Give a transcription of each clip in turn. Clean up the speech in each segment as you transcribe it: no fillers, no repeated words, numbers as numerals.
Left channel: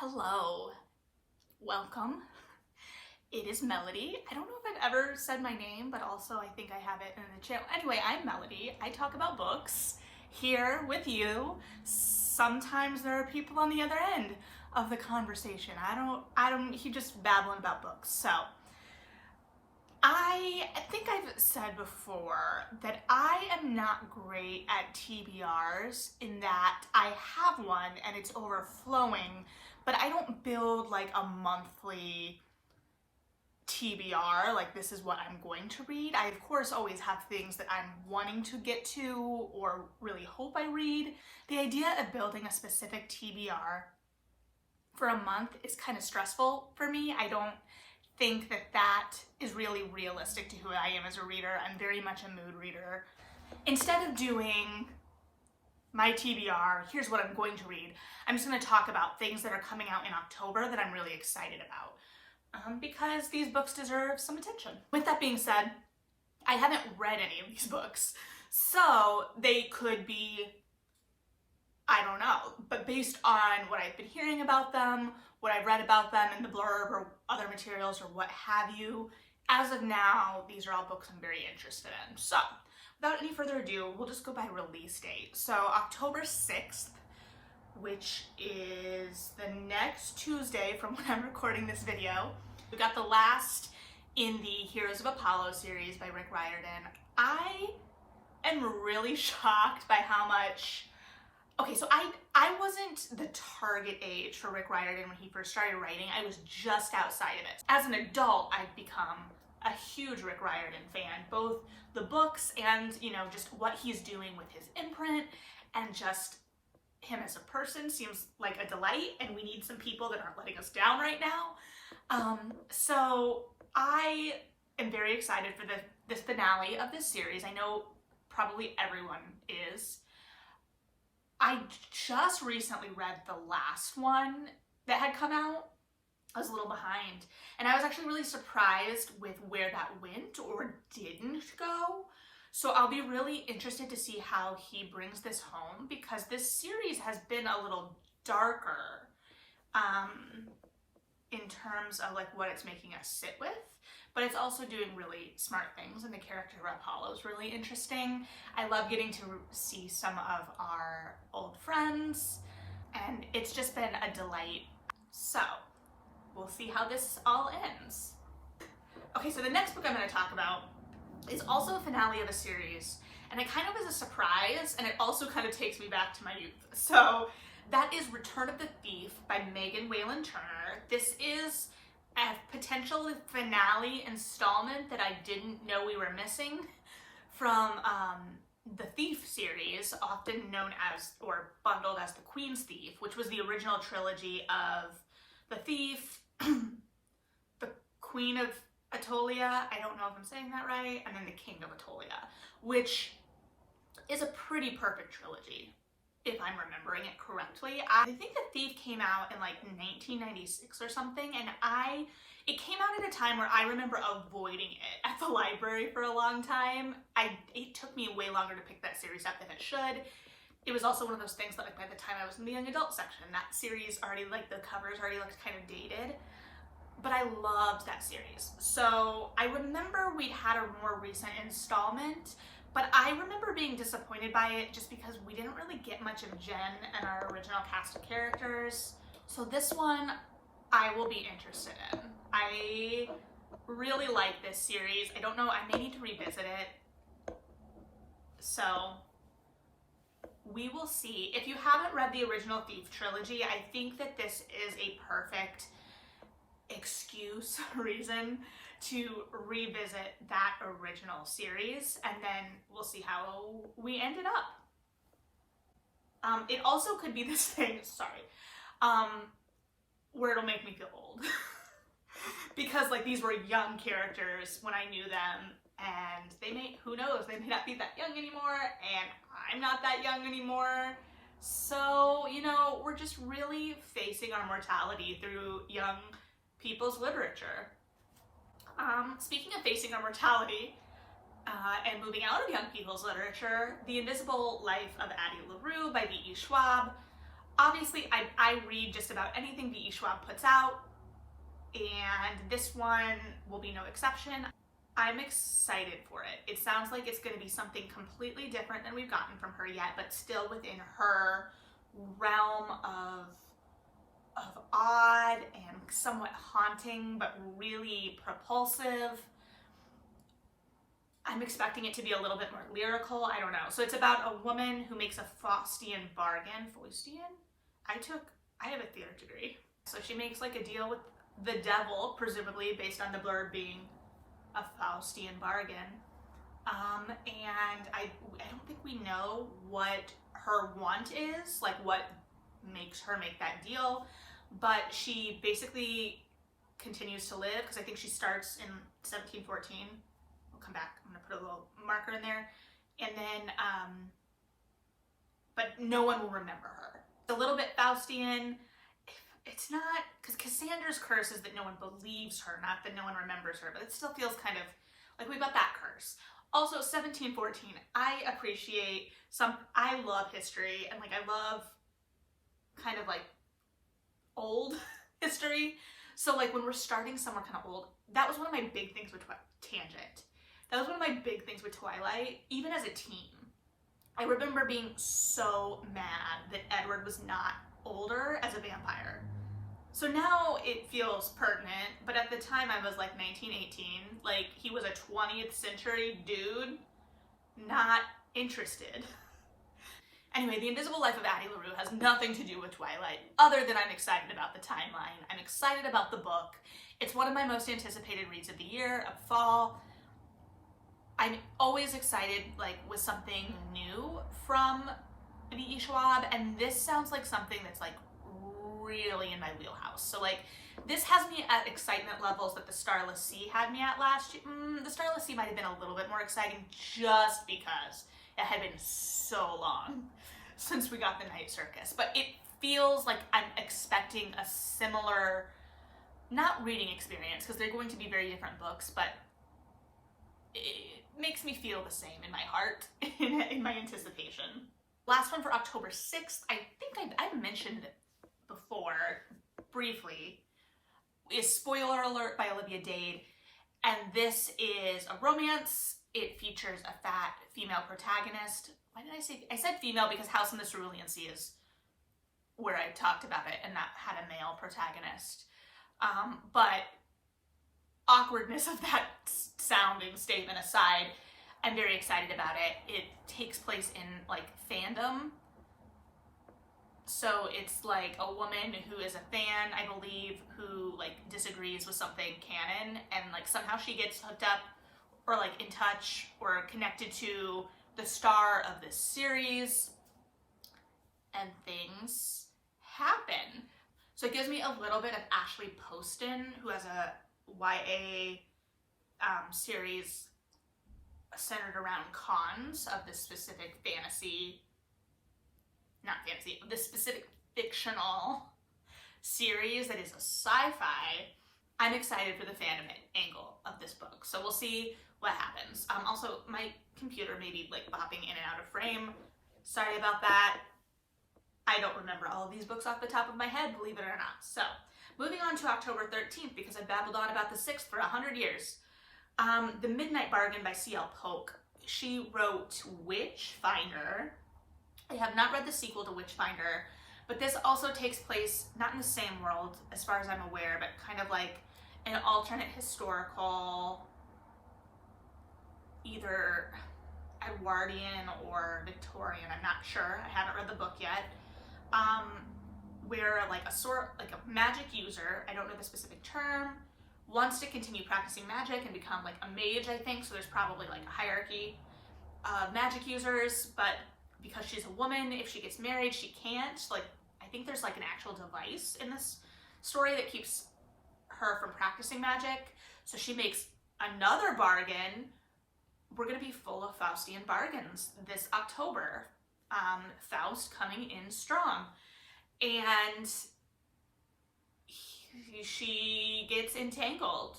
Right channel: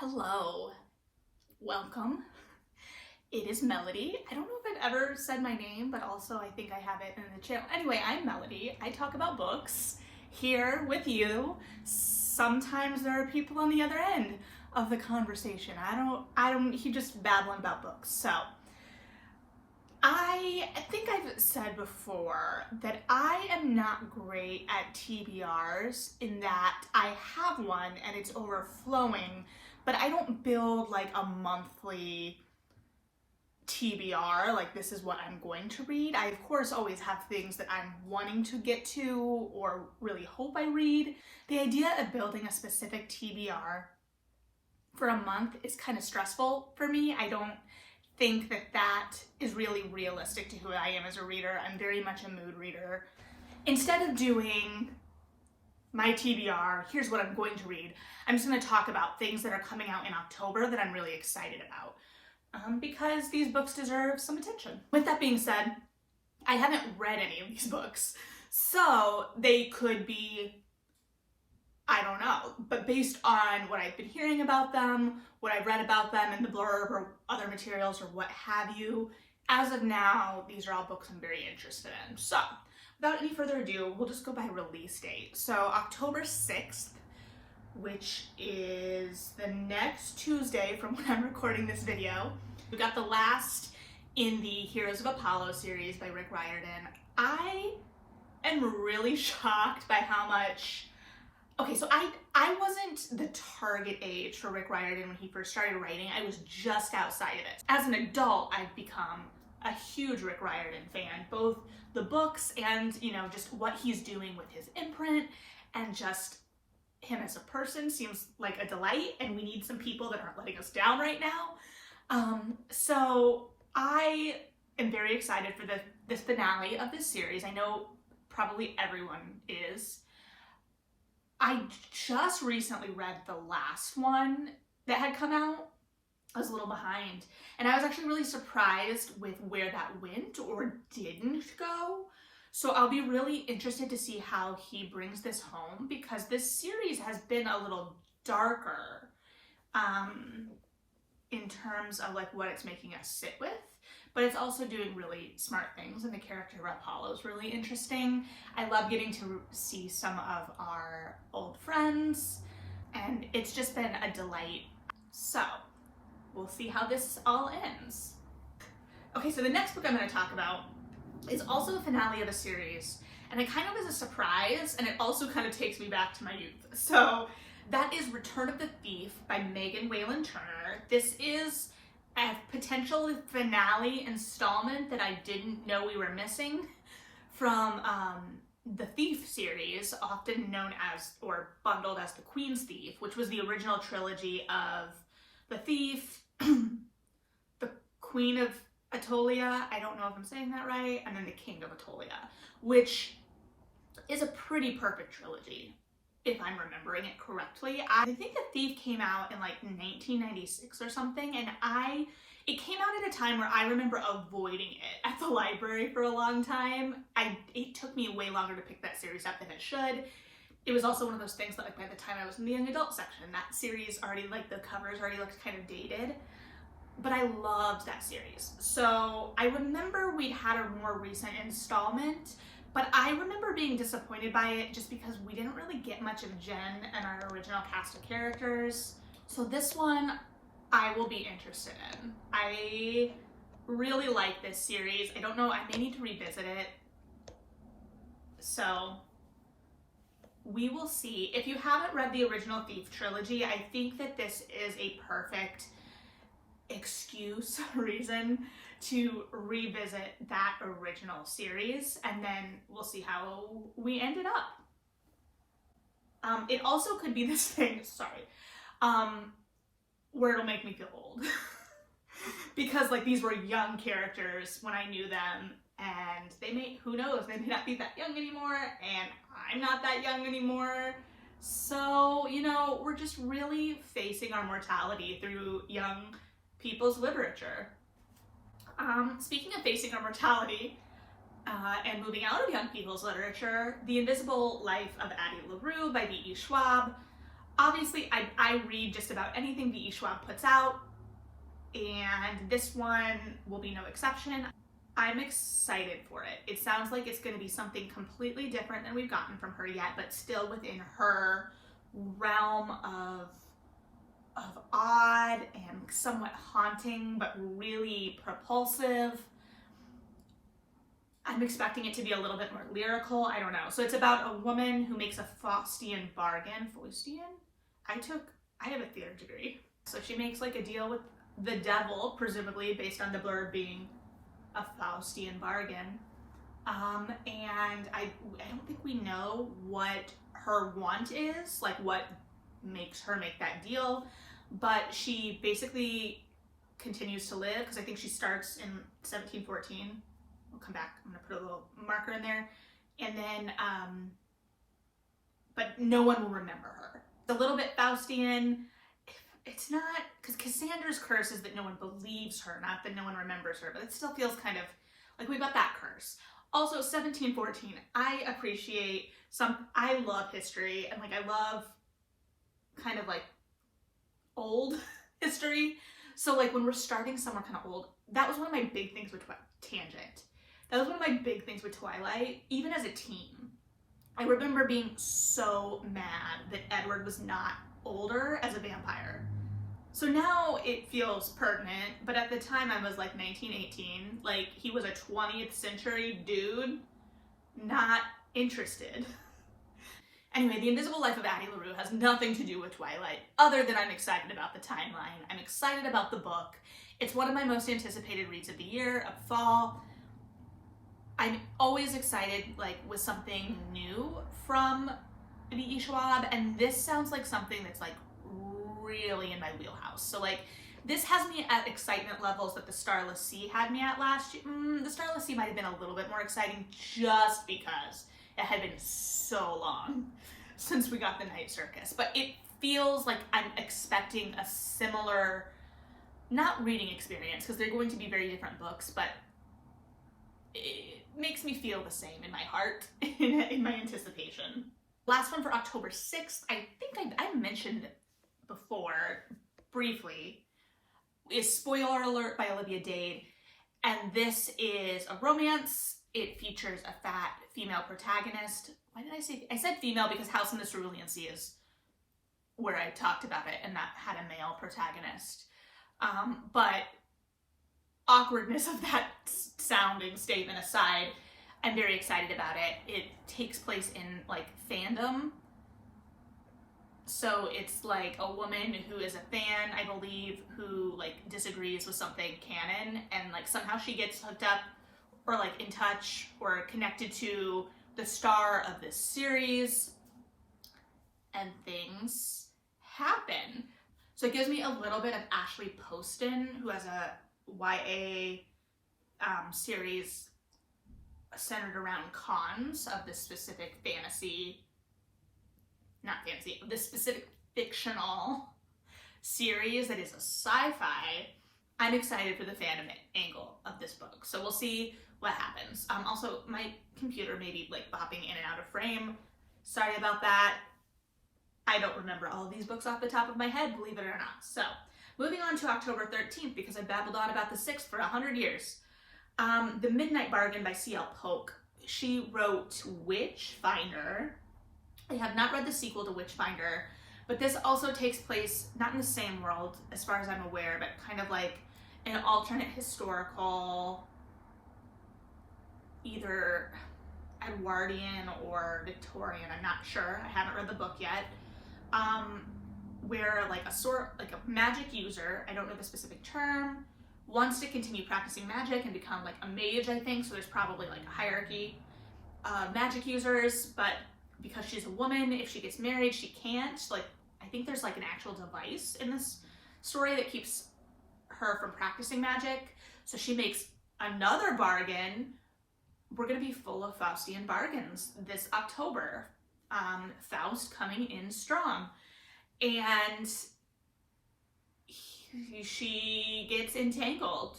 Hello, welcome. It is Melody. I don't know if I've ever said my name, but also I think I have it in the channel. Anyway, I'm Melody. I talk about books here with you. Sometimes there are people on the other end of the conversation. He just babbling about books. So I think I've said before that I am not great at TBRs in that I have one and it's overflowing, but I don't build like a monthly TBR, like this is what I'm going to read. I of course always have things that I'm wanting to get to or really hope I read. The idea of building a specific TBR for a month is kind of stressful for me. I don't think that that is really realistic to who I am as a reader. I'm very much a mood reader. Instead of doing my TBR, here's what I'm going to read, I'm just going to talk about things that are coming out in October that I'm really excited about because these books deserve some attention. With that being said, I haven't read any of these books, so they could be, I don't know, but based on what I've been hearing about them, what I've read about them in the blurb or other materials or what have you, as of now, these are all books I'm very interested in. So, without any further ado, we'll just go by release date. So, October 6th, which is the next Tuesday from when I'm recording this video. We've got the last in the Heroes of Apollo series by Riordan. I am really shocked by how much... Okay, so I wasn't the target age for Riordan when he first started writing. I was just outside of it. As an adult, I've become a huge Riordan fan, both the books and, you know, just what he's doing with his imprint, and just him as a person seems like a delight, and we need some people that aren't letting us down right now. So I am very excited for this finale of this series. I know probably everyone is. I just recently read the last one that had come out. I was a little behind, and I was actually really surprised with where that went or didn't go. So I'll be really interested to see how he brings this home, because this series has been a little darker in terms of like what it's making us sit with, but it's also doing really smart things, and the character of Apollo is really interesting. I love getting to see some of our old friends, and it's just been a delight. So we'll see how this all ends. Okay, so the next book I'm going to talk about is also the finale of a series, and it kind of is a surprise, and it also kind of takes me back to my youth. So that is Return of the Thief by Megan Whalen Turner. This is a potential finale installment that I didn't know we were missing from the Thief series, often known as, or bundled as, the Queen's Thief, which was the original trilogy of The Thief, The Queen of Atolia, I don't know if I'm saying that right, and then The King of Atolia, which is a pretty perfect trilogy, if I'm remembering it correctly. I think The Thief came out in like 1996 or something, and it came out at a time where I remember avoiding it at the library for a long time. It took me way longer to pick that series up than it should. It was also one of those things that, like, by the time I was in the young adult section, that series already, like, the covers already looked kind of dated. But I loved that series. So I remember we'd had a more recent installment, but I remember being disappointed by it just because we didn't really get much of Jen and our original cast of characters. So this one I will be interested in. I really like this series. I don't know, I may need to revisit it. So we will see. If you haven't read the original Thief trilogy, I think that this is a perfect reason to revisit that original series, and then we'll see how we ended up. It also could be this thing, where it'll make me feel old. Because like these were young characters when I knew them, and they may, who knows, they may not be that young anymore, and I'm not that young anymore. So, you know, we're just really facing our mortality through young people's literature. Speaking of facing our mortality and moving out of young people's literature, The Invisible Life of Addie LaRue by V.E. Schwab. Obviously, I read just about anything V.E. Schwab puts out, and this one will be no exception. I'm excited for it. It sounds like it's going to be something completely different than we've gotten from her yet, but still within her realm of odd and somewhat haunting, but really propulsive. I'm expecting it to be a little bit more lyrical. I don't know. So it's about a woman who makes a Faustian bargain. Faustian? I have a theater degree. So she makes like a deal with the devil, presumably based on the blurb being a Faustian bargain. And I don't think we know what her want is, like what makes her make that deal, but she basically continues to live, because I think she starts in 1714. We'll come back, I'm gonna put a little marker in there, and then but no one will remember her. It's a little bit Faustian. It's not, because Cassandra's curse is that no one believes her, not that no one remembers her, but it still feels kind of like we've got that curse. Also, 1714, I appreciate I love history, and like I love kind of like old history. So like when we're starting somewhere kind of old, that was one of my big things with Tangent. That was one of my big things with Twilight, even as a teen. I remember being so mad that Edward was not older as a vampire. So now it feels pertinent, but at the time I was like 1918, like he was a 20th century dude, not interested. Anyway, The Invisible Life of Addie LaRue has nothing to do with Twilight, other than I'm excited about the timeline. I'm excited about the book. It's one of my most anticipated reads of the year, of fall. I'm always excited, like, with something new from V.E. Schwab, and this sounds like something that's, like, really in my wheelhouse. So, like, this has me at excitement levels that the Starless Sea had me at last year. The Starless Sea might have been a little bit more exciting just because it had been so long since we got the Night Circus. But it feels like I'm expecting a similar, not reading experience, because they're going to be very different books, but it makes me feel the same in my heart, in my anticipation. Last one for October 6th, I think I mentioned it before, briefly, is Spoiler Alert by Olivia Dade, and this is a romance. It features a fat female protagonist. Why did I said female because House in the Cerulean Sea is where I talked about it, and that had a male protagonist. But awkwardness of that sounding statement aside, I'm very excited about it. It takes place in like fandom. So it's like a woman who is a fan, I believe, who like disagrees with something canon, and like somehow she gets hooked up or like in touch or connected to the star of this series, and things happen. So it gives me a little bit of Ashley Poston, who has a YA series centered around cons of this specific this specific fictional series that is a sci-fi. I'm excited for the fandom angle of this book, so we'll see what happens. Also, my computer may be like bopping in and out of frame. Sorry about that. I don't remember all of these books off the top of my head, believe it or not. So, moving on to October 13th, because I babbled on about the 6th for 100 years. The Midnight Bargain by C.L. Polk. She wrote Witchfinder. I have not read the sequel to Witchfinder, but this also takes place not in the same world, as far as I'm aware, but kind of like an alternate historical, either Edwardian or Victorian, I'm not sure, I haven't read the book yet, where like a magic user, I don't know the specific term, wants to continue practicing magic and become like a mage, I think, so there's probably like a hierarchy of magic users, but because she's a woman, if she gets married, she can't. Like, I think there's like an actual device in this story that keeps her from practicing magic. So she makes another bargain. We're going to be full of Faustian bargains this October. Faust coming in strong. And she gets entangled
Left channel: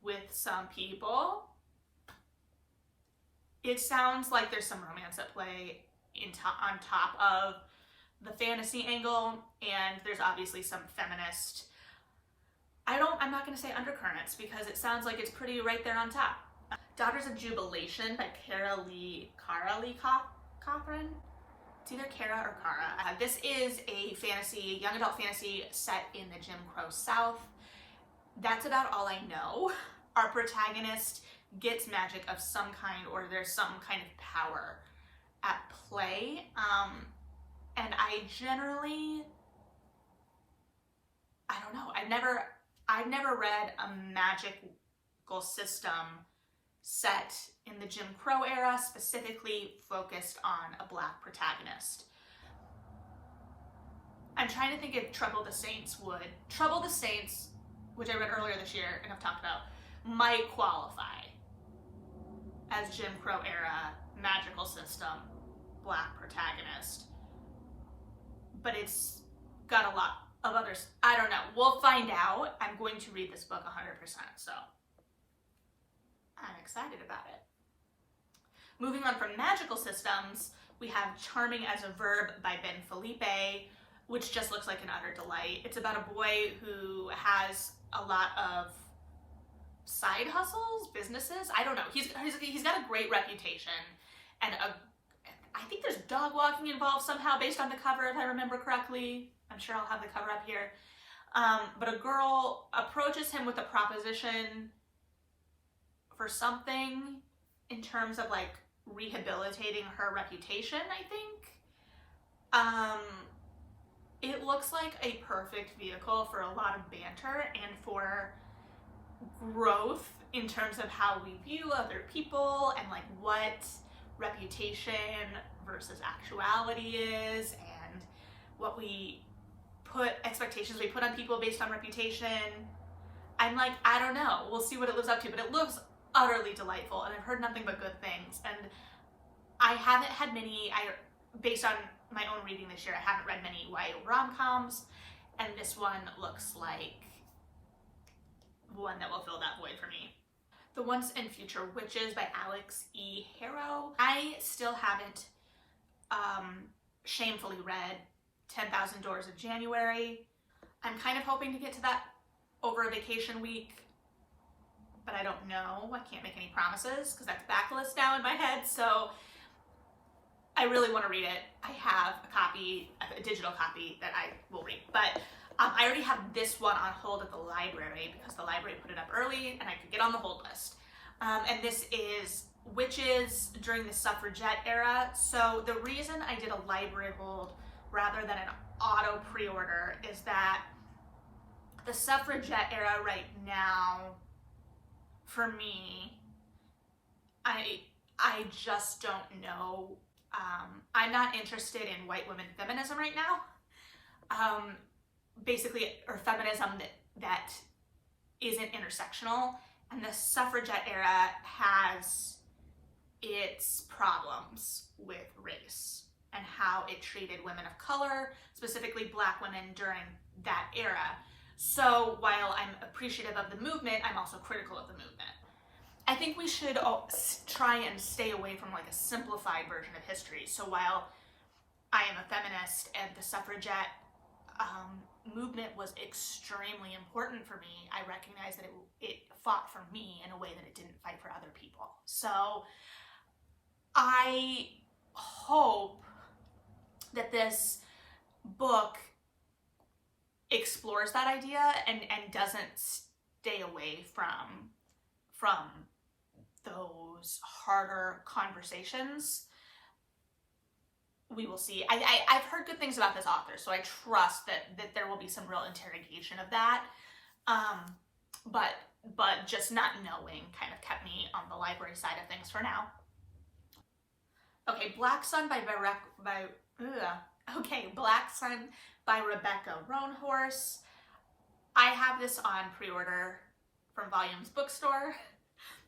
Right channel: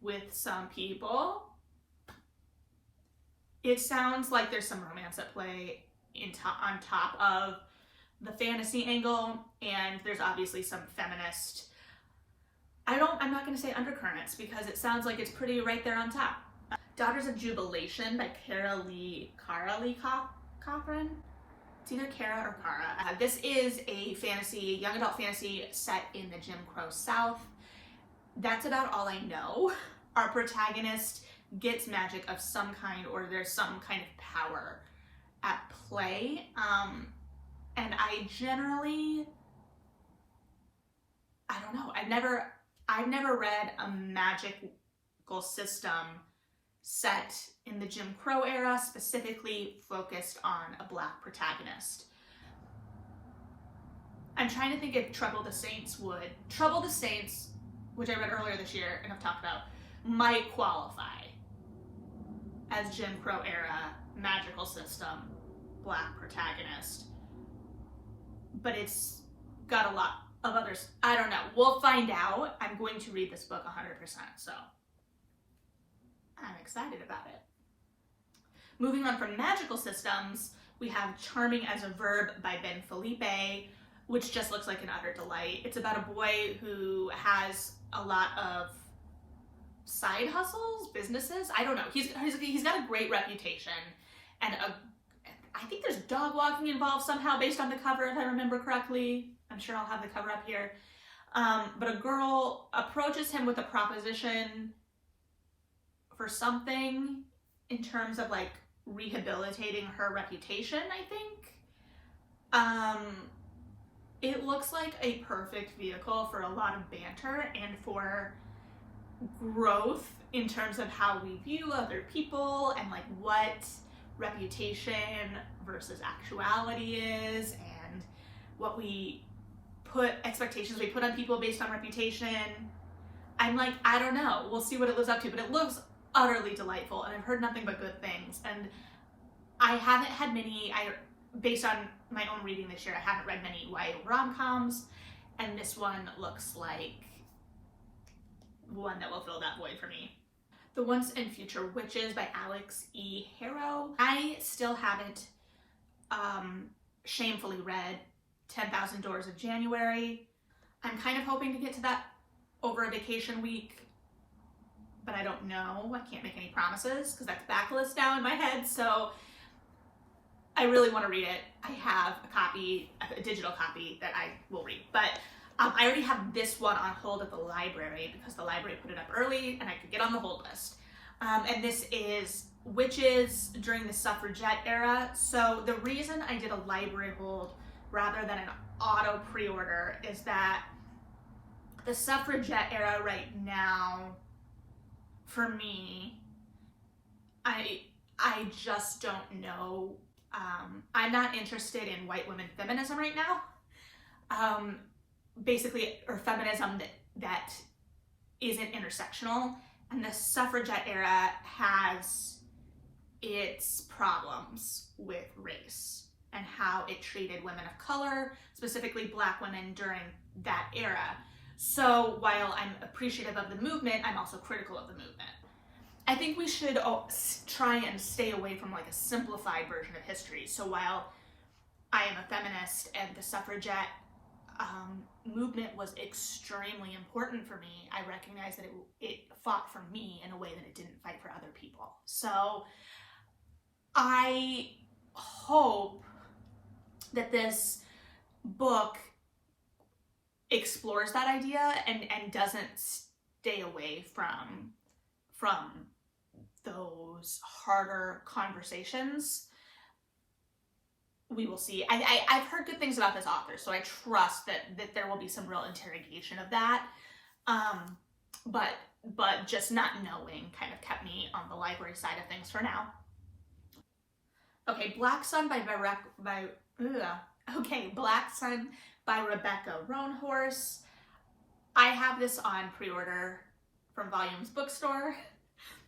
with some people. It sounds like there's some romance at play on top of the fantasy angle, and there's obviously some feminist, I'm not going to say undercurrents because it sounds like it's pretty right there on top. Daughters of Jubilation by Kerri Cothran. It's either Kara or Kara. This is a fantasy, young adult fantasy set in the Jim Crow South. That's about all I know. Our protagonist gets magic of some kind, or there's some kind of power at play. And I generally, I don't know, I've never read a magical system set in the Jim Crow era, specifically focused on a Black protagonist. I'm trying to think if Trouble the Saints, which I read earlier this year and have talked about, might qualify as Jim Crow era, magical system, Black protagonist. But it's got a lot of others. I don't know. We'll find out. I'm going to read this book 100%, so I'm excited about it. Moving on from magical systems, we have Charming as a Verb by Phillipe, which just looks like an utter delight. It's about a boy who has a lot of side hustles, businesses. I don't know. He's got a great reputation, and I think there's dog walking involved somehow based on the cover, if I remember correctly. I'm sure I'll have the cover up here. But a girl approaches him with a proposition for something in terms of like rehabilitating her reputation, I think. It looks like a perfect vehicle for a lot of banter and for growth in terms of how we view other people and like what reputation versus actuality is, and what expectations we put on people based on reputation. I'm like, I don't know. We'll see what it lives up to, but it looks utterly delightful, and I've heard nothing but good things. And I haven't had many, based on my own reading this year, I haven't read many YA rom-coms, and this one looks like one that will fill that void for me. The Once and Future Witches by Alix E. Harrow. I still haven't shamefully read 10,000 Doors of January. I'm kind of hoping to get to that over a vacation week, but I don't know. I can't make any promises because that's backlist now in my head, so I really want to read it. I have a digital copy that I will read, but I already have this one on hold at the library because the library put it up early and I could get on the hold list. And this is Witches during the suffragette era. So the reason I did a library hold rather than an auto pre-order is that the suffragette era right now, for me, I just don't know. I'm not interested in white women feminism right now. Basically, or feminism that isn't intersectional, and the suffragette era has its problems with race and how it treated women of color, specifically Black women, during that era. So while I'm appreciative of the movement, I'm also critical of the movement. I think we should try and stay away from like a simplified version of history. So while I am a feminist and the suffragette movement was extremely important for me, I recognize that it fought for me in a way that it didn't fight for other people. So I hope that this book explores that idea and doesn't stay away from those harder conversations. We will see. I've heard good things about this author, so I trust that there will be some real interrogation of that. But just not knowing kind of kept me on the library side of things for now. Okay, Black Sun by Rebecca Roanhorse. I have this on pre-order from Volumes Bookstore.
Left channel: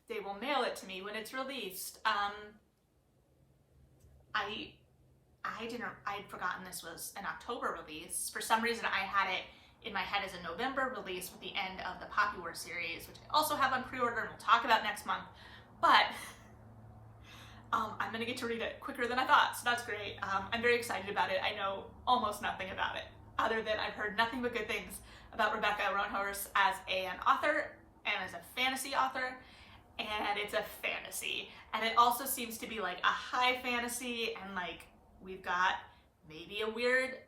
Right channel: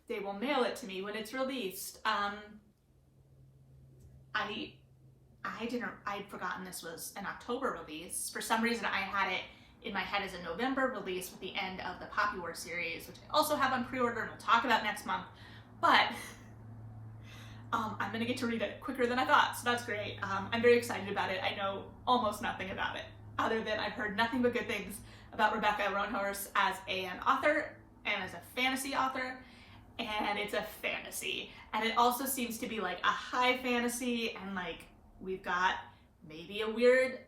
They will mail it to me when it's released. I'd forgotten this was an October release. For some reason, I had it in my head as a November release with the end of the Poppy War series, which I also have on pre-order and we'll talk about next month. But I'm gonna get to read it quicker than I thought, so that's great. I'm very excited about it. I know almost nothing about it, other than I've heard nothing but good things about Rebecca Roanhorse as an author and as a fantasy author, and it's a fantasy. And it also seems to be like a high fantasy, and like we've got maybe a weird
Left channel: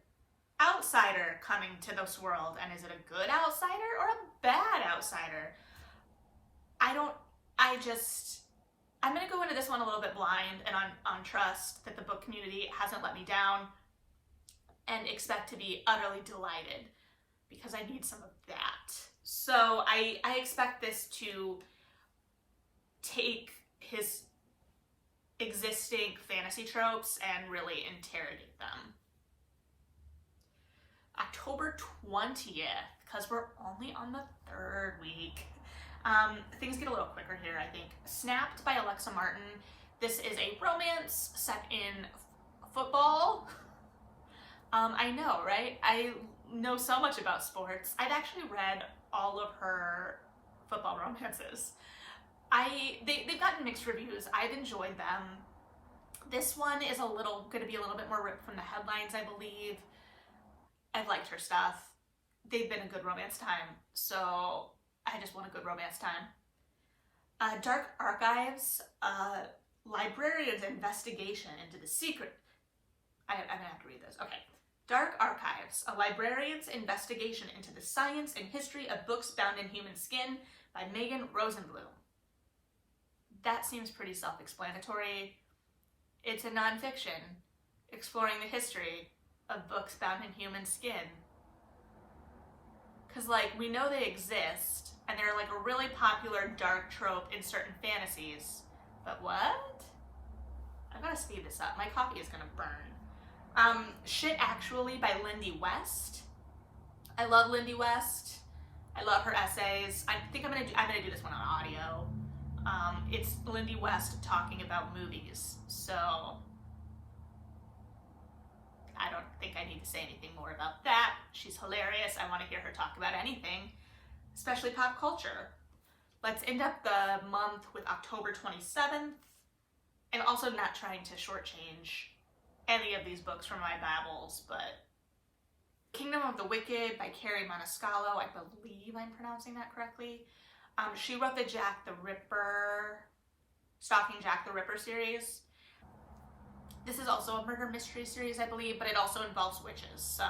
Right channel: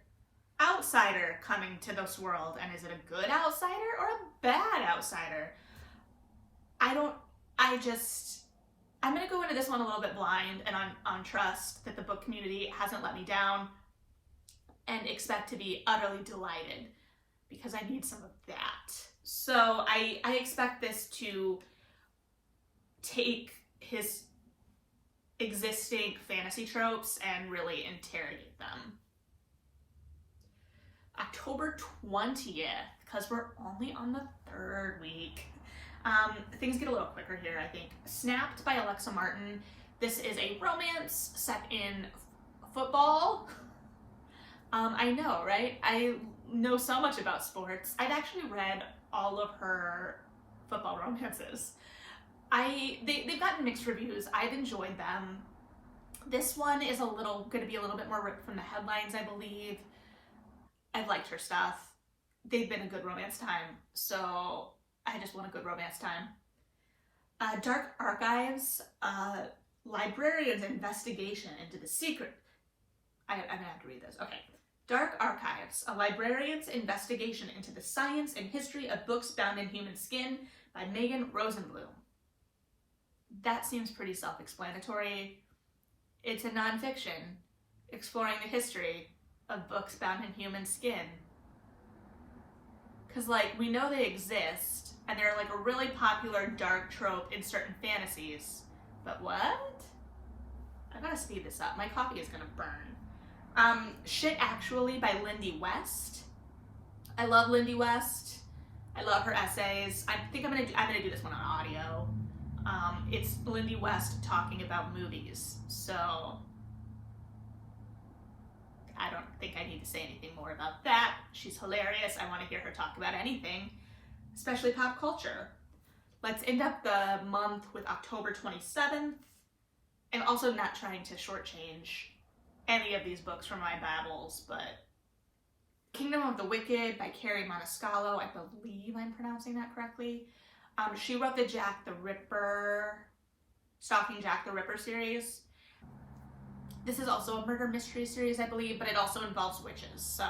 outsider coming to this world. And is it a good outsider or a bad outsider? I'm gonna go into this one a little bit blind and on trust that the book community hasn't let me down, and expect to be utterly delighted because I need some of that. So I expect this to take his existing fantasy tropes and really interrogate them. October 20th, because we're only on the 3rd week. Things get a little quicker here, I think. Snapped by Alexa Martin. This is a romance set in football. I know, right? I know so much about sports. I've actually read all of her football romances. They've gotten mixed reviews. I've enjoyed them. This one is going to be a little bit more ripped from the headlines, I believe. I've liked her stuff. They've been a good romance time, so I just want a good romance time. Dark Archives, librarian's investigation into the secret. I'm gonna have to read this. Okay. Dark Archives, a librarian's investigation into the science and history of books bound in human skin by Megan Rosenbloom. That seems pretty self-explanatory. It's a nonfiction exploring the history of books bound in human skin. Because, like, we know they exist, and they're, like, a really popular dark trope in certain fantasies. But what? I gotta speed this up. My coffee is gonna burn. Shit Actually by Lindy West. I love Lindy West. I love her essays. I think I'm gonna do this one on audio. It's Lindy West talking about movies, so I don't think I need to say anything more about that. She's hilarious. I want to hear her talk about anything, especially pop culture. Let's end up the month with October 27th, and also not trying to shortchange any of these books from my babbles, but Kingdom of the Wicked by Kerri Maniscalo. I believe I'm pronouncing that correctly. She wrote the Stalking Jack the Ripper series. This is also a murder mystery series, I believe, but it also involves witches, so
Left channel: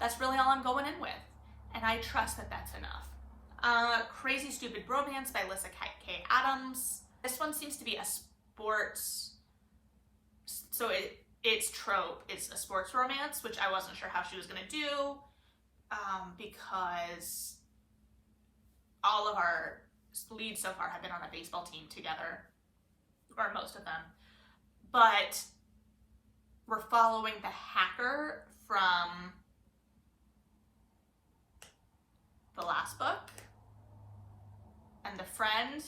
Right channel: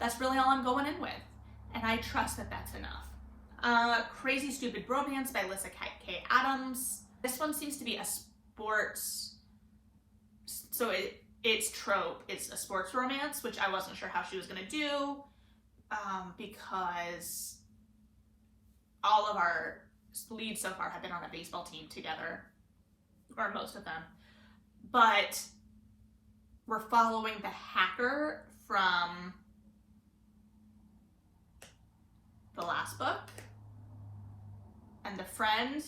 that's really all I'm going in with, and I trust that that's enough. Crazy Stupid Bromance by Lyssa K. Adams. This one seems to be a sports, so its trope is a sports romance, which I wasn't sure how she was going to do, because all of our leads so far have been on a baseball team together, or most of them. But we're following the hacker from the last book, and the friend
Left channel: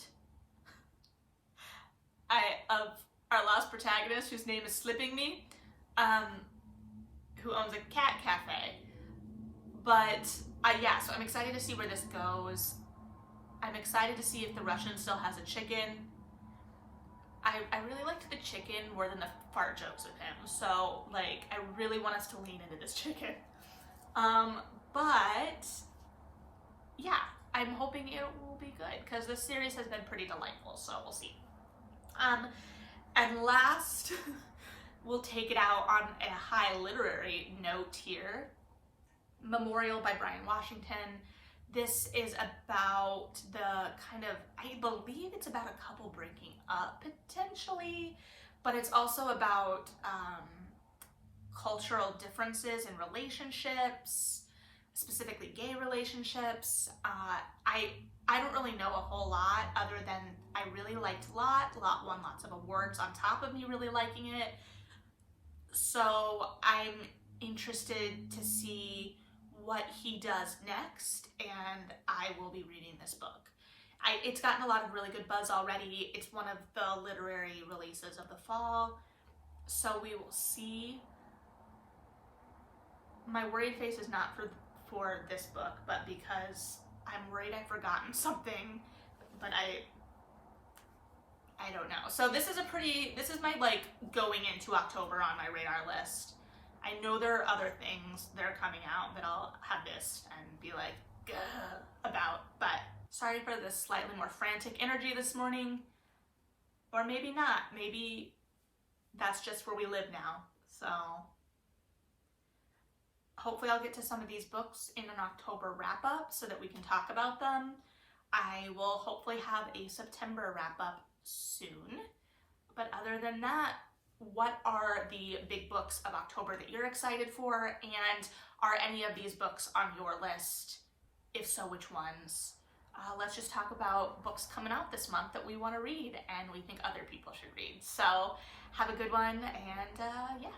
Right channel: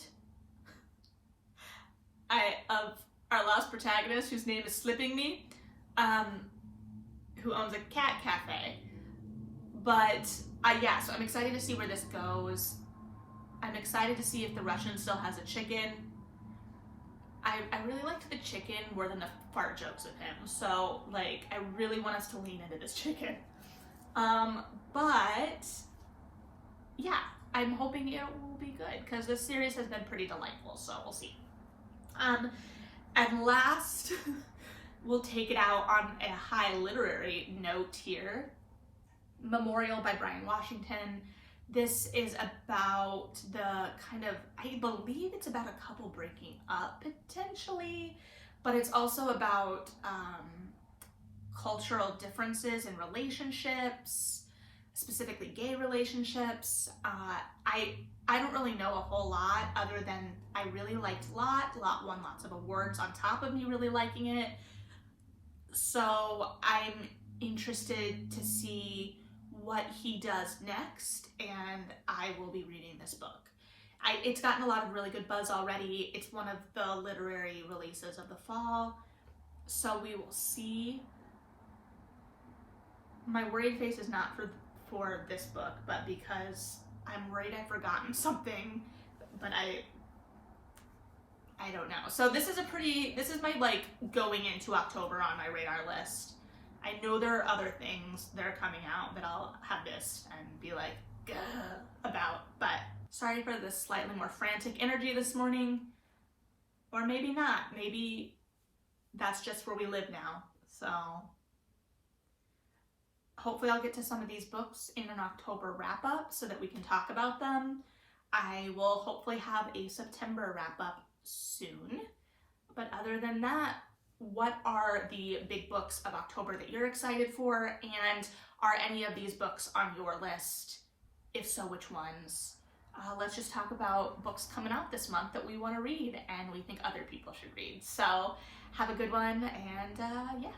of our last protagonist, whose name is slipping me, who owns a cat cafe. But yeah, so I'm excited to see where this goes. I'm excited to see if the Russian still has a chicken. I really liked the chicken more than the fart jokes of him. So, like, I really want us to lean into this chicken. But, yeah, I'm hoping it will be good, because this series has been pretty delightful, so we'll see. And last, we'll take it out on a high literary note here. Memorial by Bryan Washington. This is about the kind of, I believe it's about a couple breaking up potentially, but it's also about cultural differences in relationships, specifically gay relationships. I don't really know a whole lot other than I really liked Lot won lots of awards on top of me really liking it. So I'm interested to see what he does next, and I will be reading this book. It's gotten a lot of really good buzz already. It's one of the literary releases of the fall, so we will see. My worried face is not for this book, but because I'm worried I've forgotten something, but I I don't know. So this is my like going into October on my radar list. I know there are other things that are coming out that I'll have missed and be like, gah, about, but sorry for this slightly more frantic energy this morning. Or maybe not. Maybe that's just where we live now. So hopefully I'll get to some of these books in an October wrap up so that we can talk about them. I will hopefully have a September wrap up soon. But other than that, what are the big books of October that you're excited for? And are any of these books on your list? If so, which ones? Let's just talk about books coming out this month that we want to read and we think other people should read. So have a good one, and yeah.